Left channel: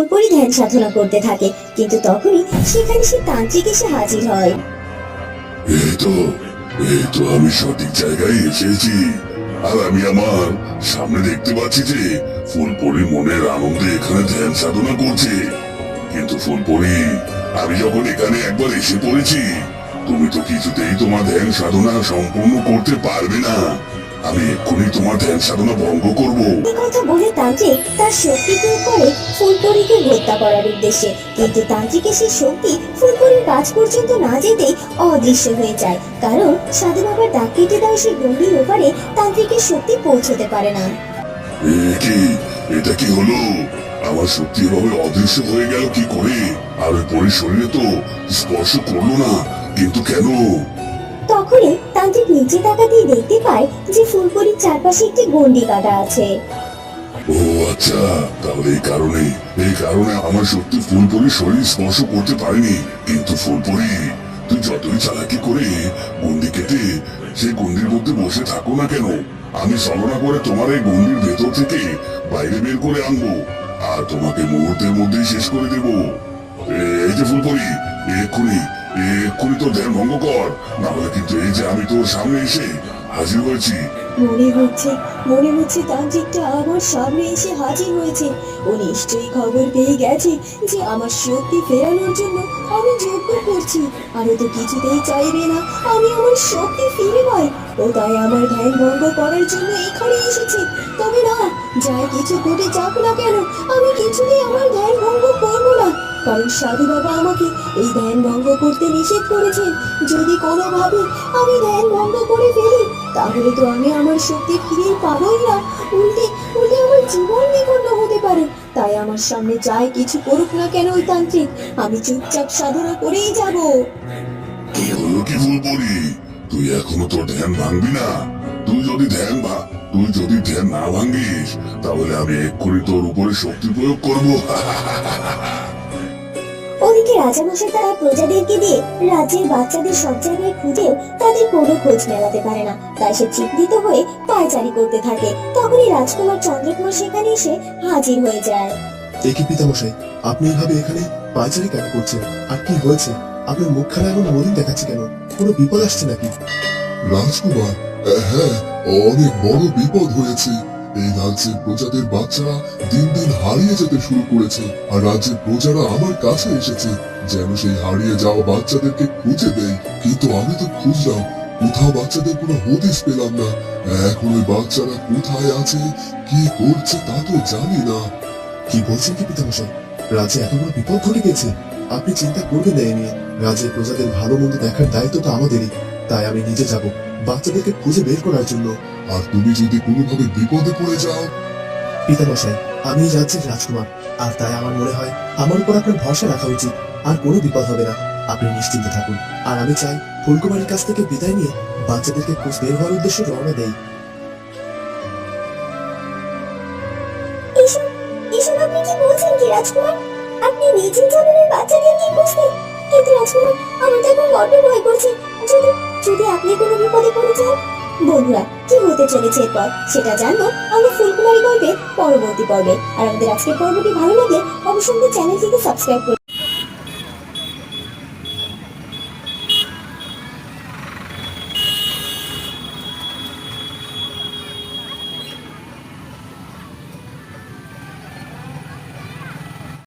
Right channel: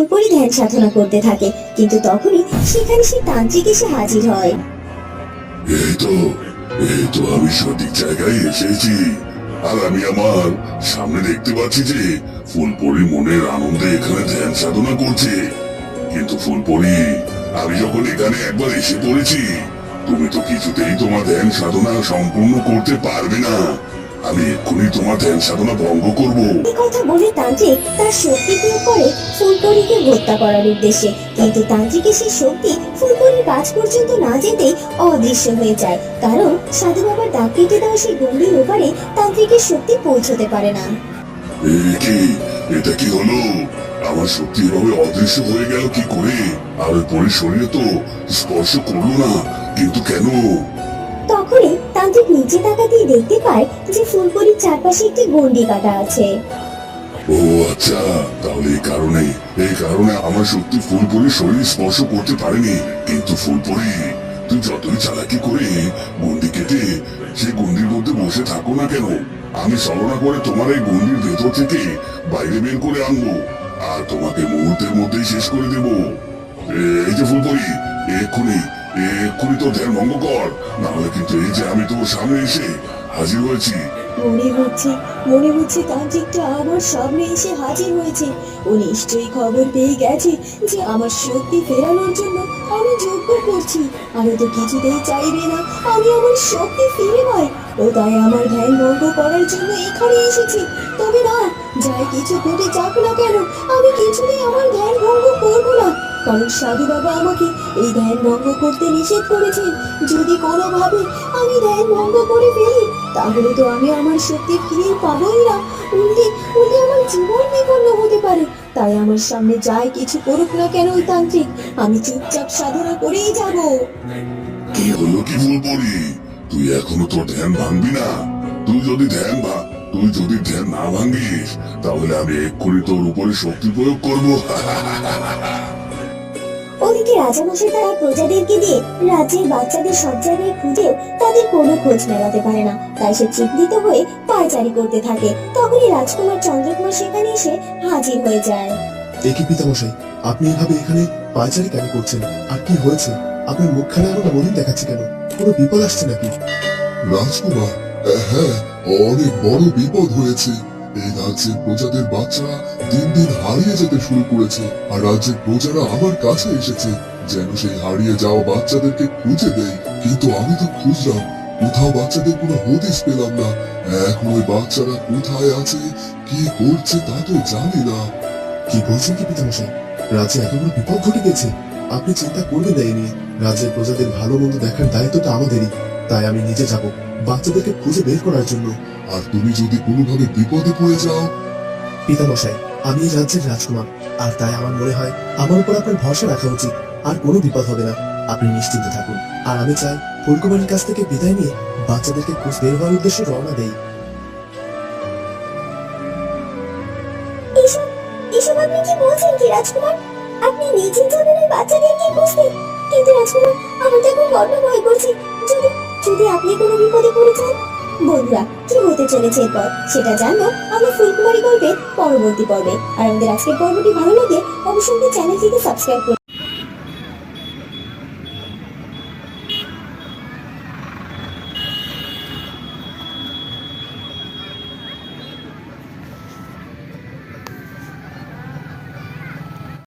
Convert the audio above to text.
ফুলপরি ধ্যান সাধনা করতে থাকে, কিন্তু তখনই সেখানে সে তান্ত্রিক এসে হাজির হয়। তো, এই তো আমি সঠিক জায়গায় এসেছি। আর আমি আমার সামনে দেখতে পাচ্ছি যে মনের আনন্দে এখানে ধ্যান সাধনা করছে। কিন্তু ফুলপরি, আমি যখন এখানে একবার এসে পড়েছি, তুমি তো কিছুতেই তোমার ধ্যান সাধনা সম্পূর্ণ করতে পারবে না। আমি এক্ষুনি তোমার ধ্যান সাধনা ভঙ্গ করব। এই কথা বলে তান্ত্রিক তার শক্তি প্রয়োগ করে ফুলপরিকে হত্যা করার উদ্দেশ্যে। কিন্তু তান্ত্রিকের সেই শক্তি ফুলপরির কাজ পর্যন্ত না যেতেই অদৃশ্য হয়ে যায়। কারণ সাধু বাবার ডাক কেটে দেওয়া সেই গম্ভীর ওপারে তান্ত্রিকের শক্তি পৌঁছতে পারে না। এ কি? এটা কি হলো? আমার সত্যি এভাবে অদৃশ্য হয়ে গেল কি করে? আর ওই শরীরে তো স্পর্শ করল না। কিন্তু কেন? তখনই তান্ত্রিক নিচে তাকাতেই দেখতে পায় যে ফুলপরির চারপাশে একটি গন্ডি কাটা আছে। ও আচ্ছা তাহলে এই কারণে এই কারণে আমার সত্যি ফুলপরির শরীর স্পর্শ করতে পারেনি, কিন্তু ফুলপরি তুই যতই চালাকি করে গন্ডি কেটে সেই গন্ডির মধ্যে বসে থাকো না কেন? আমি ছলনা করে তোমার এই গন্ডির ভেতর থেকে বাইরে বের করে আনব, আর তোমাকে মুহূর্তের মধ্যেই শেষ করে দেব। এই যে ফুলপরি এক্ষুনি এক্ষুনি তোর ধ্যান ভঙ্গ কর। কিন্তু এই যে আমি তোর সামনে এসে হাজির হয়েছি। মনে হচ্ছে মনে হচ্ছে আমার সামনে এসে হাজির হয়েছে। ও নিশ্চয়ই খবর পেয়ে গেছে যে আমার শক্তি ফেরানোর জন্য আমি যজ্ঞ করছি। আর তো কিছুতেই চাইবে না, আমি আমার শক্তি ফিরে পাই। ও তাই আমার ধ্যান ভঙ্গ করার জন্য এখানে এসেছে। তবে না যাই কিছু ঘটে যাক না কেন, আমি কিছুতেই আমার ধ্যান কারণ সাধু বাবা আমাকে এই ধ্যান ভঙ্গ করতে নিষেধ করেছেন। যদি কোনোভাবে আমি ধ্যান ভঙ্গ করে ফেলি, তাহলে তো আমি আমার শক্তি ফিরে পাবোই না। উল্টে উল্টে আমার জীবন বিপন্ন হতে পারে। তাই আমার সামনে যাই কিছু করুক না কেন ওই তান্ত্রিক, আমি চুপচাপ সাধনা করেই যাব। কি হলো কি ভুল তুই এখনও তোর ধ্যান ভাঙবি না? তুই যদি ধ্যান ভা, তুই যদি ধ্যান না ভাঙ্গিস তাহলে আমি এক্ষুনি তোর উপরে শক্তি প্রয়োগ করব। ওদিকে রাজামশাই তারা প্রজাদেরকে দিয়ে রাজ্যের বাচ্চাদের সব জায়গায় খুঁজেও তাদের কোনো খোঁজ মেলাতে পারে না। তাই সে চিন্তিত হয়ে পায়চারি করতে থাকে। তখনই রাজকুমার চন্দ্রকুমার সেখানে এসে হাজির হয়ে যায়। একই পিতামশাই? আপনি এভাবে এখানে পায়চারি কেন করছেন? আর কি হয়েছে? আপনার মুখখানে এমন মলিন দেখাচ্ছে কেন? কোনো বিপদ আসছে নাকি? রাজকুমার হ্যাঁ অনেক বড় বিপদ হয়েছে। এই রাজ্যের প্রজাদের বাচ্চারা দিন দিন হারিয়ে যেতে শুরু করেছে, আর রাজ্যের প্রজারা আমার কাছে এসেছে, যেন সেই হারিয়ে যাওয়া বাচ্চাদেরকে খুঁজে দেয় কিন্তু আমি তো খুঁজলাম, কোথাও বাচ্চাদের কোনো হদিস পেলাম না। এখন ওই বাচ্চারা কোথায় আছে, কি করছে তা তো জানি না। কি বলছেন কি পিতামশাই? রাজ্যে এত বড় বিপদ ঘটে গেছে আপনি চিন্তা করবেন না এ নিয়ে। রাজ্যের প্রজাদের ভালো মন্দ দেখার দায়িত্বটা আমাদেরই। তাই আমি নিজে যাব, বাচ্চাদেরকে খুঁজে বের করার জন্য। আর তুমি যদি কোনোভাবে বিপদে পড়ে যাও। পিতামশাই আমি রাজ্যের রাজকুমার আর তাই আমার মনে হয় আমার উপর আপনার ভরসা রাখা উচিত। আর কোনো বিপদ হবে না। আপনি নিশ্চিন্তে থাকুন। আর আমি চাই ফুলকুমারীর কাছ থেকে বিদায় নিয়ে বাচ্চাদেরকে খোঁজ বের হওয়ার উদ্দেশ্যে রওনা দেই। এসব এসব আপনি কি বলছেন কি রাজকুমার? আপনি নিজে যাবেন ওই বাচ্চাদেরকে খুঁজতে। কিন্তু রাজকুমার আমার তো এখন বড্ড ভয় করছে। যদি যদি আপনি কোনো বিপদে পড়ে যান বন্ধুরা, কি হতে চলেছে এরপর? সেটা জানব। আমরা ফুলকুমারী গল্পের পরবর্তী পর্বে। আর আমাদের আজকের পর্বটি ভালো লাগলে অবশ্যই চ্যানেলটিকে সাবস্ক্রাইব করুন